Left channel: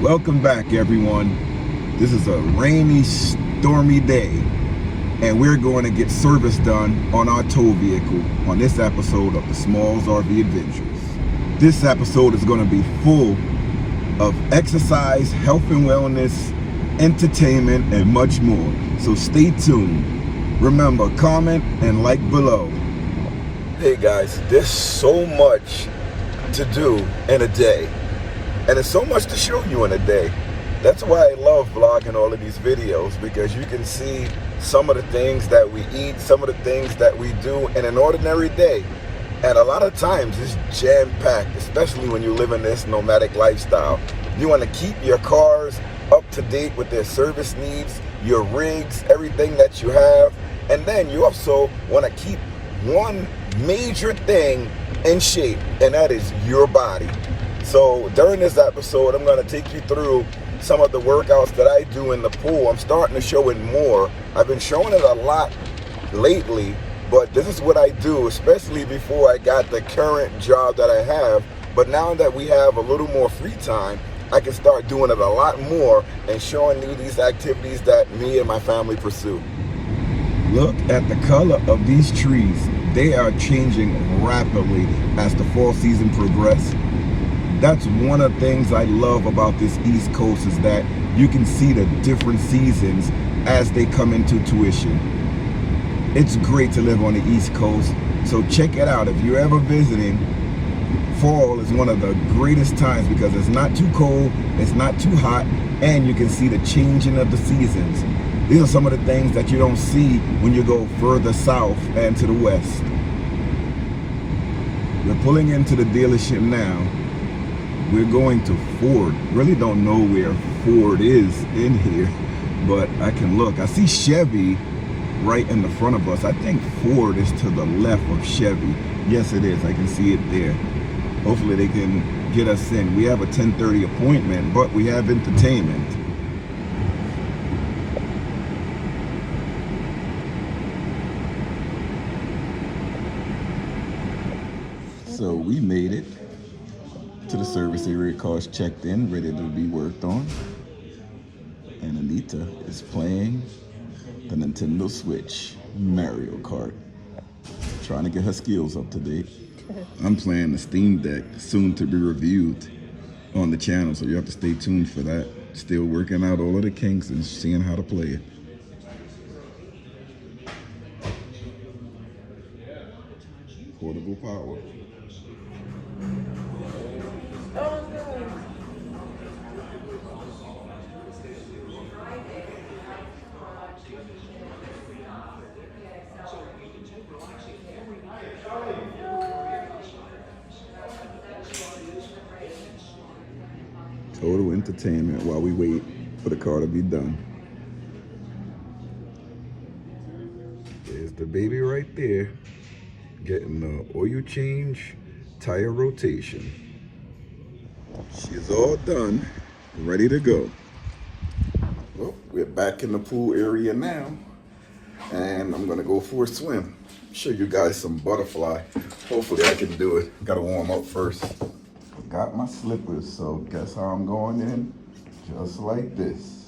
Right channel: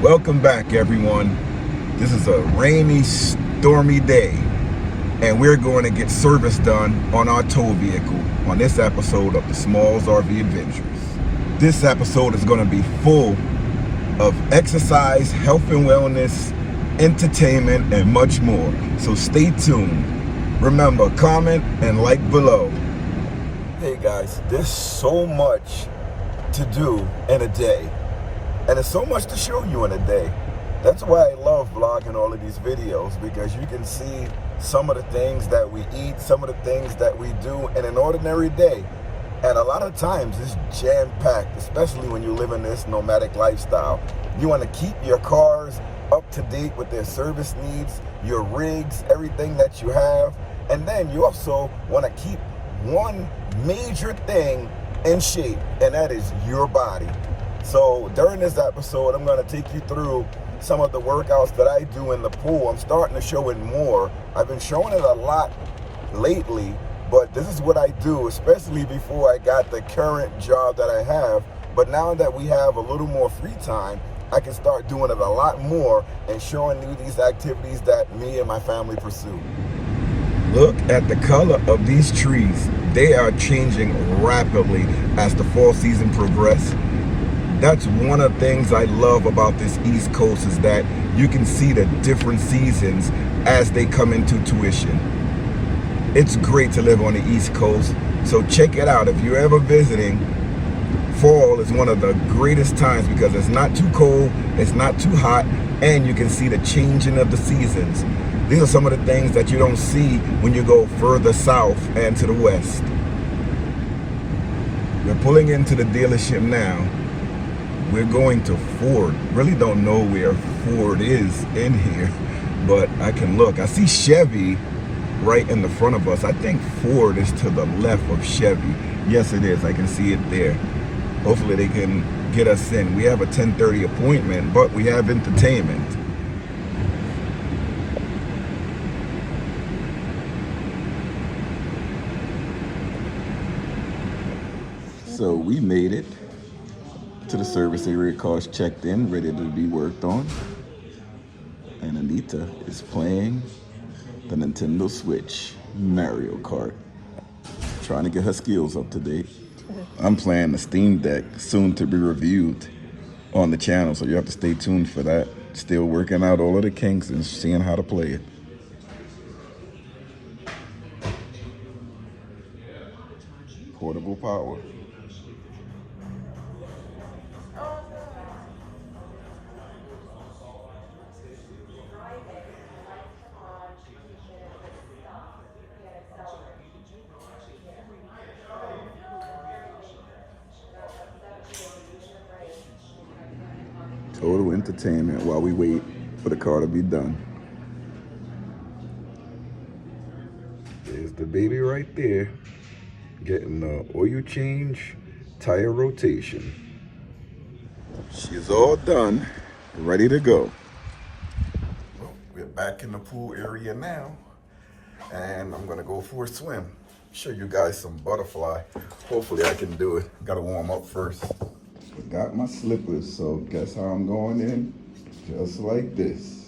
Welcome back, everyone. This is a rainy, stormy day, and we're going to get service done on our tow vehicle on this episode of the Smalls RV Adventures. This episode is going to be full of exercise, health and wellness, entertainment, and much more. So stay tuned. Remember, comment and like below. Hey guys, there's so much to do in a day. And there's so much to show you in a day. That's why I love vlogging all of these videos, because you can see some of the things that we eat, some of the things that we do in an ordinary day. And a lot of times it's jam-packed, especially when you live in this nomadic lifestyle. You want to keep your cars up to date with their service needs, your rigs, everything that you have. And then you also want to keep one major thing in shape, and that is your body. So during this episode, I'm going to take you through some of the workouts that I do in the pool. I'm starting to show it more. I've been showing it a lot lately, but this is what I do, especially before I got the current job that I have. But now that we have a little more free time, I can start doing it a lot more and showing you these activities that me and my family pursue. Look at the color of these trees. They are changing rapidly as the fall season progresses. That's one of the things I love about this East Coast, is that you can see the different seasons as they come into tuition. It's great to live on the East Coast, so check it out. If you're ever visiting, fall is one of the greatest times because it's not too cold, it's not too hot, and you can see the changing of the seasons. These are some of the things that you don't see when you go further south and to the west. We're pulling into the dealership now. We're going to Ford. Really don't know where Ford is in here, but I can look. I see Chevy right in the front of us. I think Ford is to the left of Chevy. Yes, it is. I can see it there. Hopefully they can get us in. We have a 10:30 appointment, but we have entertainment. So we made it to the service area. Cars checked in, ready to be worked on. And Anita is playing the Nintendo Switch Mario Kart, trying to get her skills up to date. I'm playing the Steam Deck, soon to be reviewed on the channel, so you have to stay tuned for that. Still working out all of the kinks and seeing how to play it. Portable power. Total entertainment while we wait for the car to be done. There's the baby right there, getting the oil change, tire rotation. She's all done, ready to go. Well, we're back in the pool area now, and I'm gonna go for a swim. Show you guys some butterfly. Hopefully I can do it. Gotta warm up first. Got my slippers, so guess how I'm going in? Just like this.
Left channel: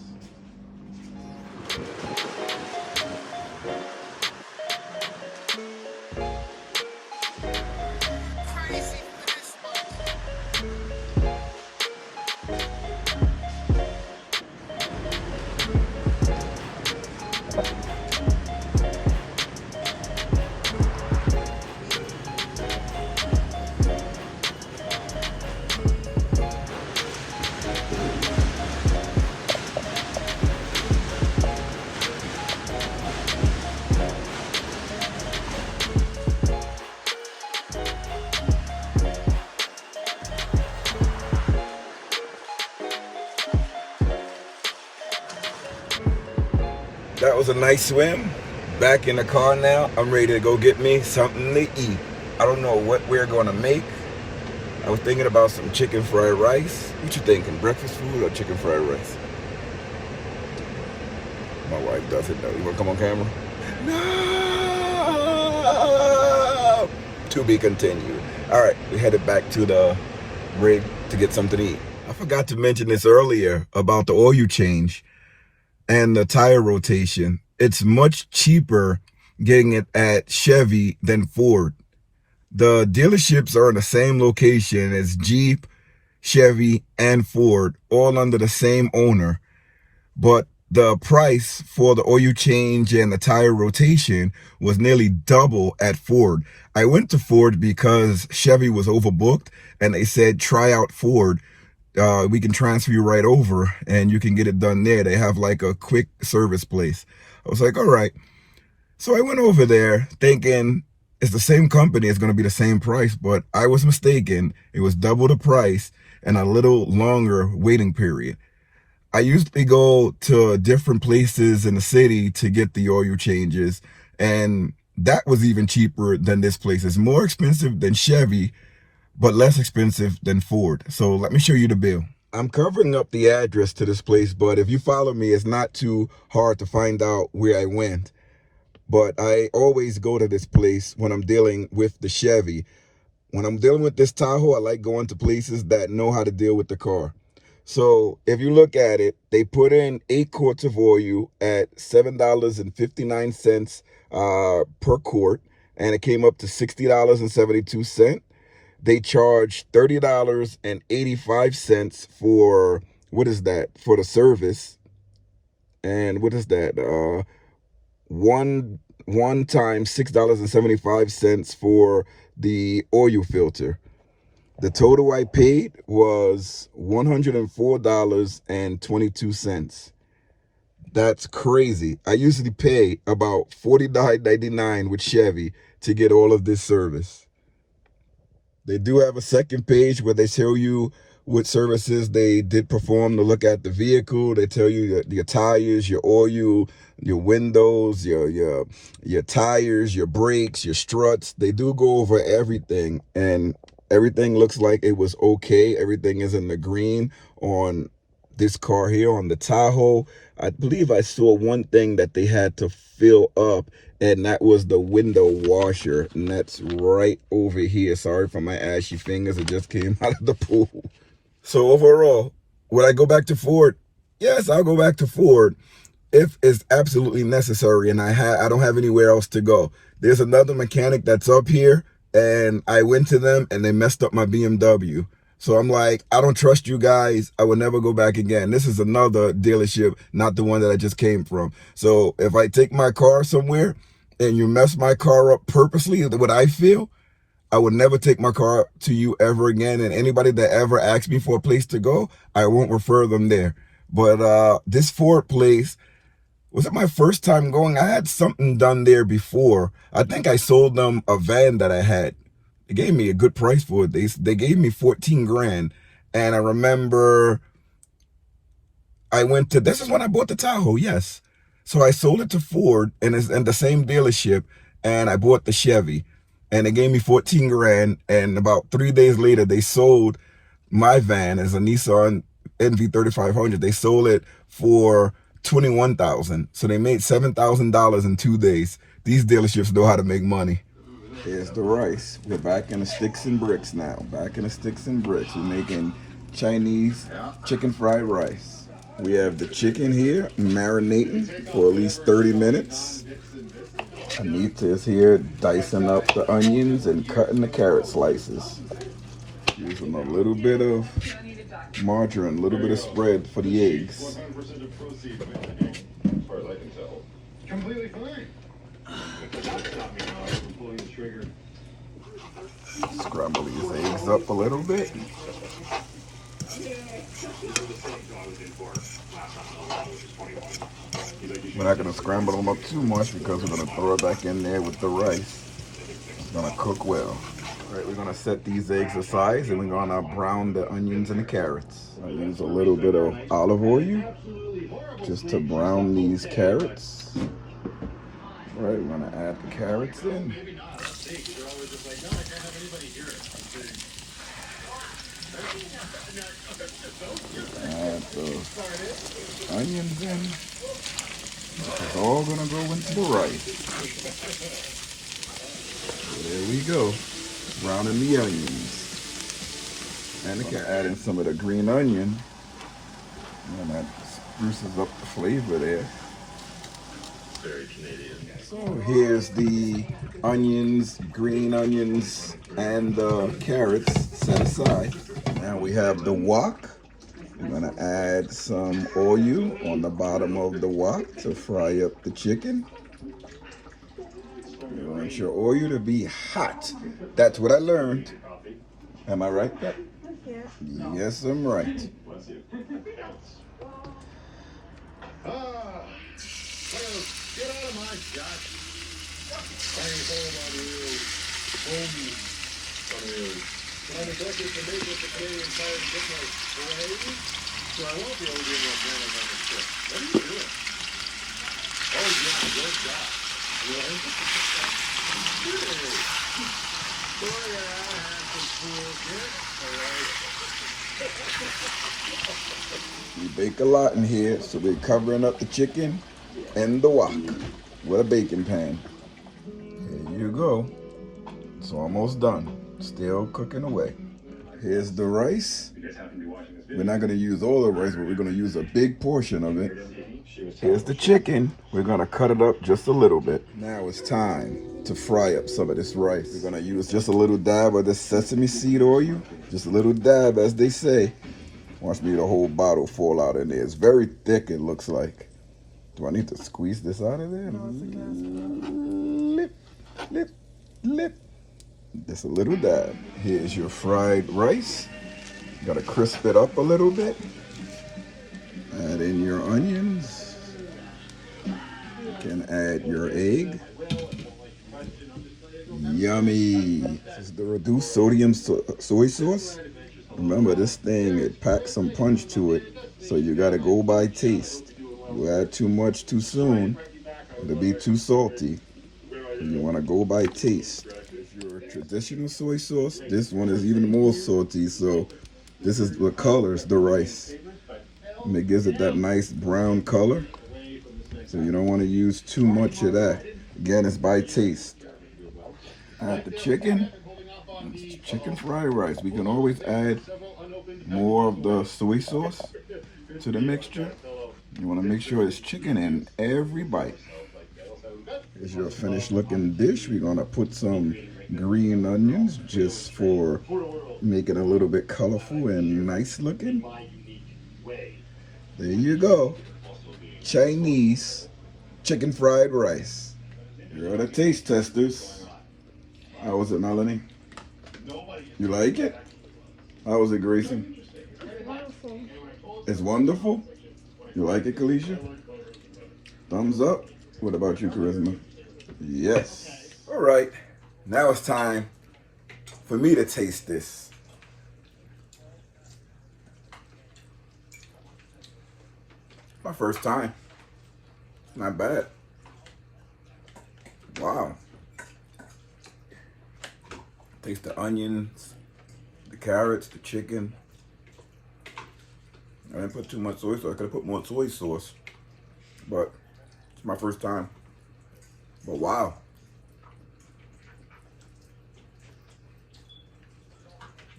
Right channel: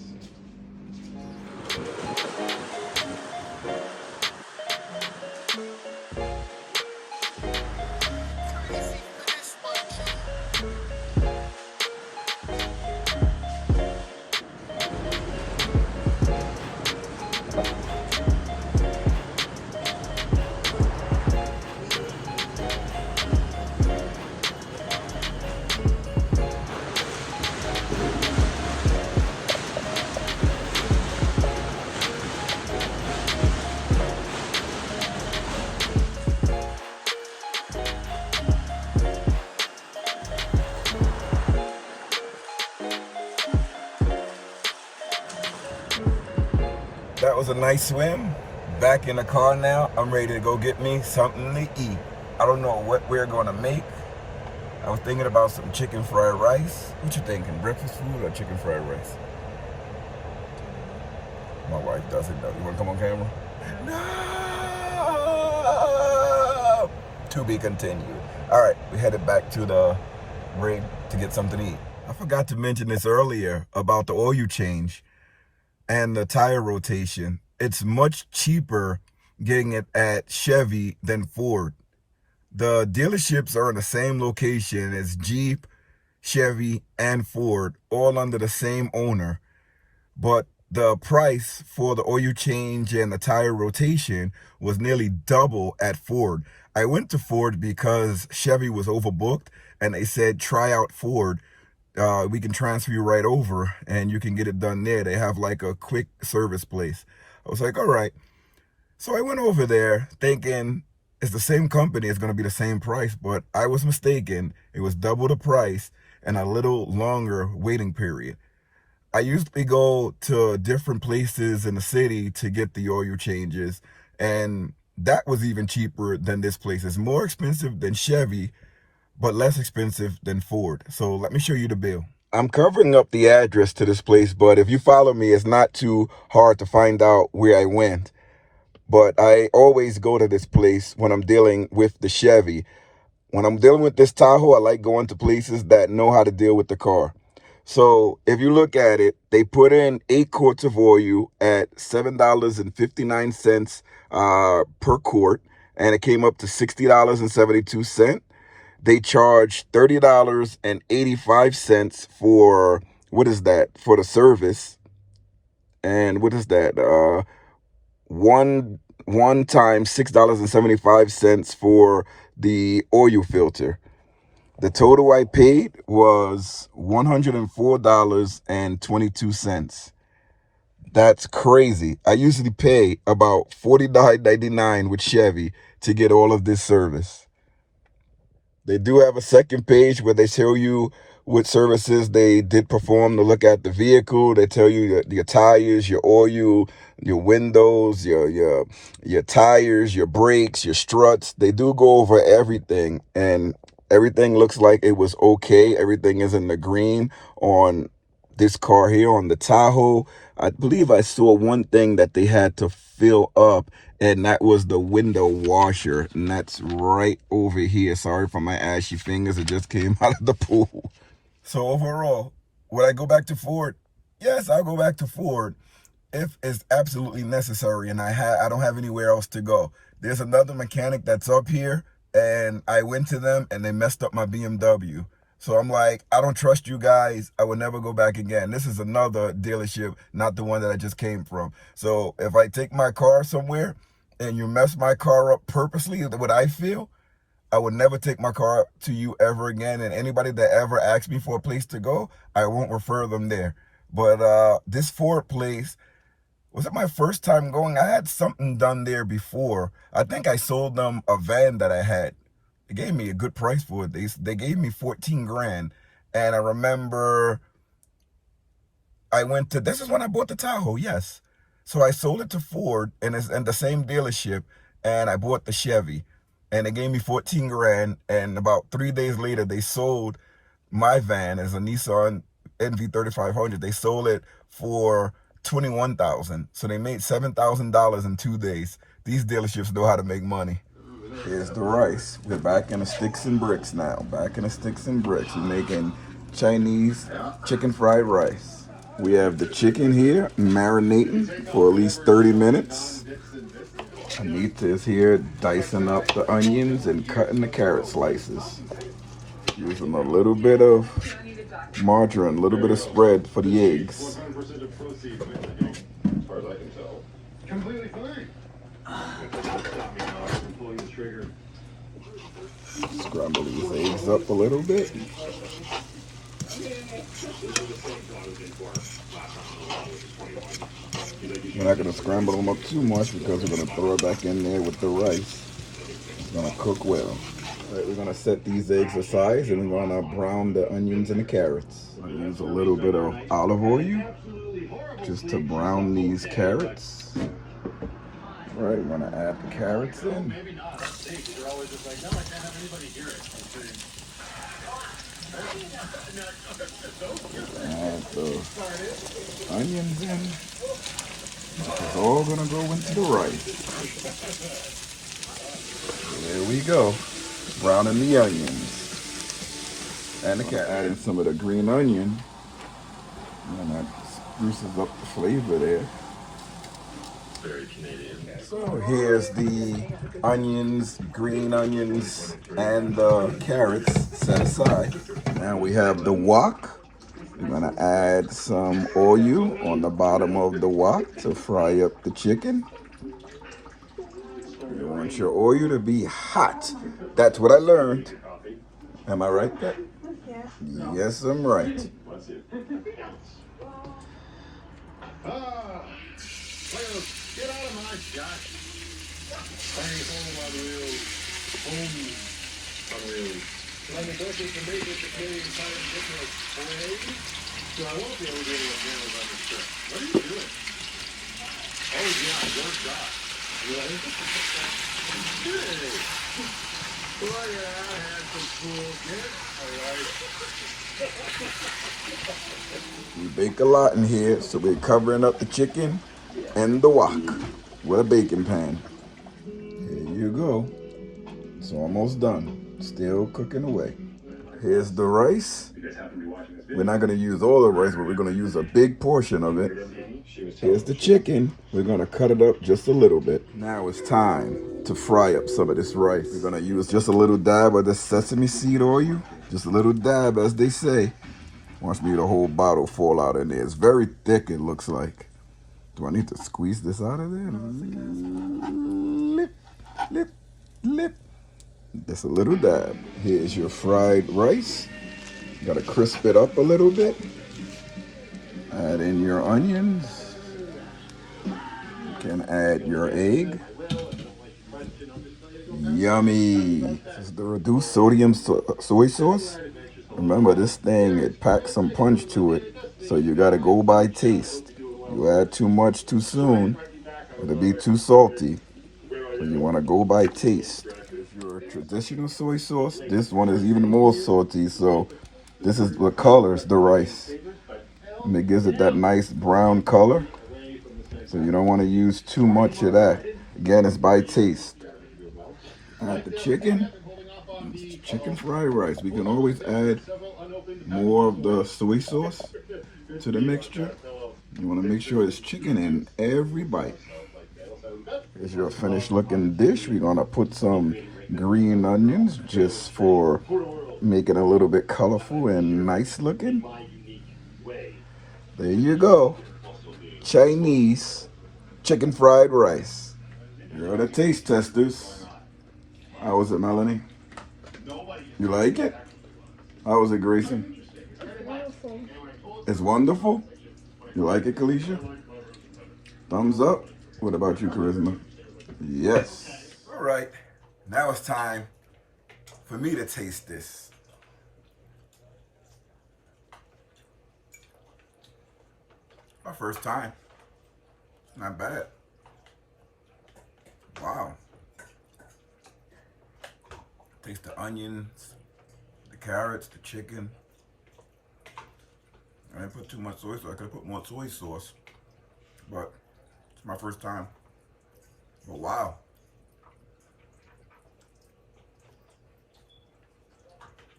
That was a nice swim. Back in the car now. I'm ready to go get me something to eat. I don't know what we're gonna make. I was thinking about some chicken fried rice. What you thinking, breakfast food or chicken fried rice? My wife doesn't know. You wanna come on camera? No! To be continued. All right, we headed back to the rig to get something to eat. I forgot to mention this earlier about the oil change and the tire rotation. It's much cheaper getting it at Chevy than Ford. The dealerships are in the same location as Jeep, Chevy, and Ford, all under the same owner. But the price for the oil change and the tire rotation was nearly double at Ford. I went to Ford because Chevy was overbooked, and they said, try out Ford. We can transfer you right over and you can get it done there. They have like a quick service place. I was like, all right. So I went over there thinking it's the same company, it's going to be the same price, but I was mistaken. It was double the price and a little longer waiting period. I usually go to different places in the city to get the oil changes, and that was even cheaper than this place. It's more expensive than Chevy, but less expensive than Ford. So let me show you the bill. I'm covering up the address to this place, but if you follow me, it's not too hard to find out where I went. But I always go to this place when I'm dealing with the Chevy. When I'm dealing with this Tahoe, I like going to places that know how to deal with the car. So if you look at it, they put in 8 quarts of oil at $7.59 per quart, and it came up to $60.72. They charge $30.85 for, what is that, for the service. And what is that? One time $6.75 for the oil filter. The total I paid was $104.22. That's crazy. I usually pay about $49.99 with Chevy to get all of this service. They do have a second page where they show you what services they did perform to look at the vehicle. They tell you your tires, your oil, your windows, your tires, your brakes, your struts. They do go over everything, and everything looks like it was okay. Everything is in the green on this car here, on the Tahoe. I believe I saw one thing that they had to fill up, and that was the window washer, and that's right over here. Sorry for my ashy fingers, it just came out of the pool. So overall, would I go back to Ford? Yes, I'll go back to Ford if it's absolutely necessary and I don't have anywhere else to go. There's another mechanic that's up here, and I went to them and they messed up my BMW. So I'm like, I don't trust you guys. I will never go back again. This is another dealership, not the one that I just came from. So if I take my car somewhere and you mess my car up purposely, what I feel, I would never take my car to you ever again. And anybody that ever asks me for a place to go, I won't refer them there. But this Ford place, was it my first time going? I had something done there before. I think I sold them a van that I had. They gave me a good price for it. They gave me 14 grand. And I remember I went to, this is when I bought the Tahoe, yes. So I sold it to Ford, and it's in the same dealership, and I bought the Chevy. And they gave me 14 grand, and about 3 days later, they sold my van as a Nissan NV3500. They sold it for $21,000. So they made $7,000 in 2 days. These dealerships know how to make money. Here's the rice. We're back in the sticks and bricks now. Back in the sticks and bricks. We're making Chinese chicken fried rice. We have the chicken here marinating for at least 30 minutes. Anita is here dicing up the onions and cutting the carrot slices. Using a little bit of margarine, a little bit of spread for the eggs. Scramble these eggs up a little bit. We're not going to scramble them up too much because we're going to throw it back in there with the rice. It's going to cook well. All right, we're going to set these eggs aside, and we're going to brown the onions and the carrots. I use a little bit of olive oil just to brown these carrots. All right, we're going to add the carrots in. Add the onions in. This is all gonna go into the rice. There we go. Browning the onions. And I can add in some of the green onion. And that spruces up the flavor there. Very Canadian. So here's the onions, green onions, and the carrots set aside. Now we have the wok. We're gonna add some oil on the bottom of the wok to fry up the chicken. You want your oil to be hot. That's what I learned. Am I right, Pat? Yeah. Yes, I'm right. Get out of my shot. I'm home on the real home on the real. I'm a bucket to make it the Canadian Tire business. So I won't be able to do any advantage on this trip. What are you doing? Oh, yeah, good job. Really? Hey. Boy, yeah, I had some cool shit. All right. We bake a lot in here, so we're covering up the chicken and the wok with a baking pan. Here you go. It's almost done. Still cooking away. Here's the rice. We're not going to use all the rice, but we're going to use a big portion of it. Here's the chicken. We're going to cut it up just a little bit. Now it's time to fry up some of this rice. We're going to use just a little dab of the sesame seed oil. Just a little dab, as they say. Watch me the whole bottle fall out in there. It's very thick, it looks like. Do I need to squeeze this out of there? Lip, lip, lip. Just a little dab. Here's your fried rice. You gotta crisp it up a little bit. Add in your onions. You can add your egg. Yummy. This is the reduced sodium soy sauce. Remember, this thing, it packs some punch to it, so you gotta go by taste. You add too much too soon, it'll be too salty. So you wanna go by taste. If you're a traditional soy sauce, this one is even more salty, so this is what colors the rice. And it gives it that nice brown color. So you don't wanna use too much of that. Again, it's by taste. Add the chicken. It's chicken fried rice. We can always add more of the soy sauce to the mixture. You want to make sure it's chicken in every bite. Here's your finished looking dish. We're going to put some green onions just for making it a little bit colorful and nice looking. There you go. Chinese chicken fried rice. You're the taste testers. How was it, Melanie? You like it? How was it, Grayson? Wonderful. It's wonderful? You like it, Kalisha? Thumbs up? What about you, Charisma? Yes. All right. Now it's time for me to taste this. My first time. Not bad. Wow. Taste the onions, the carrots, the chicken. I didn't put too much soy sauce. I could have put more soy sauce, but it's my first time. But wow.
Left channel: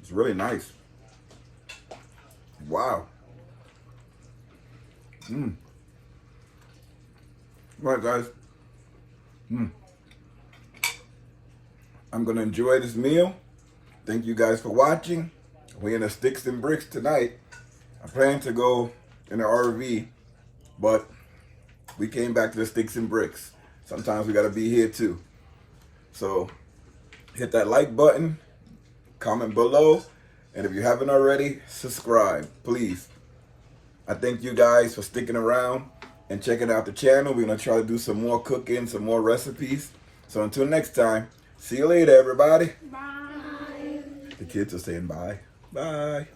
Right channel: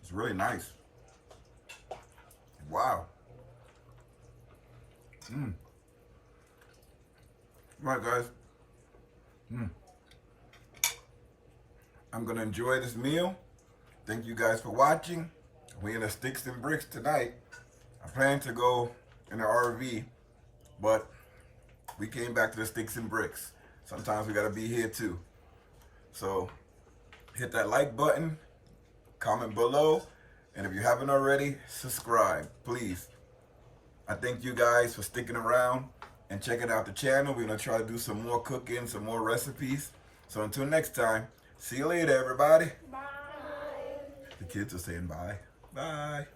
It's really nice. Wow. All right, guys. I'm gonna enjoy this meal. Thank you guys for watching. We're in the Sticks and Bricks tonight. I plan to go in the RV, but we came back to the Sticks and Bricks. Sometimes we gotta be here too. So hit that like button, comment below, and if you haven't already, subscribe, please. I thank you guys for sticking around and checking out the channel. We're gonna try to do some more cooking, some more recipes. So until next time, see you later, everybody. Bye. The kids are saying bye. Bye.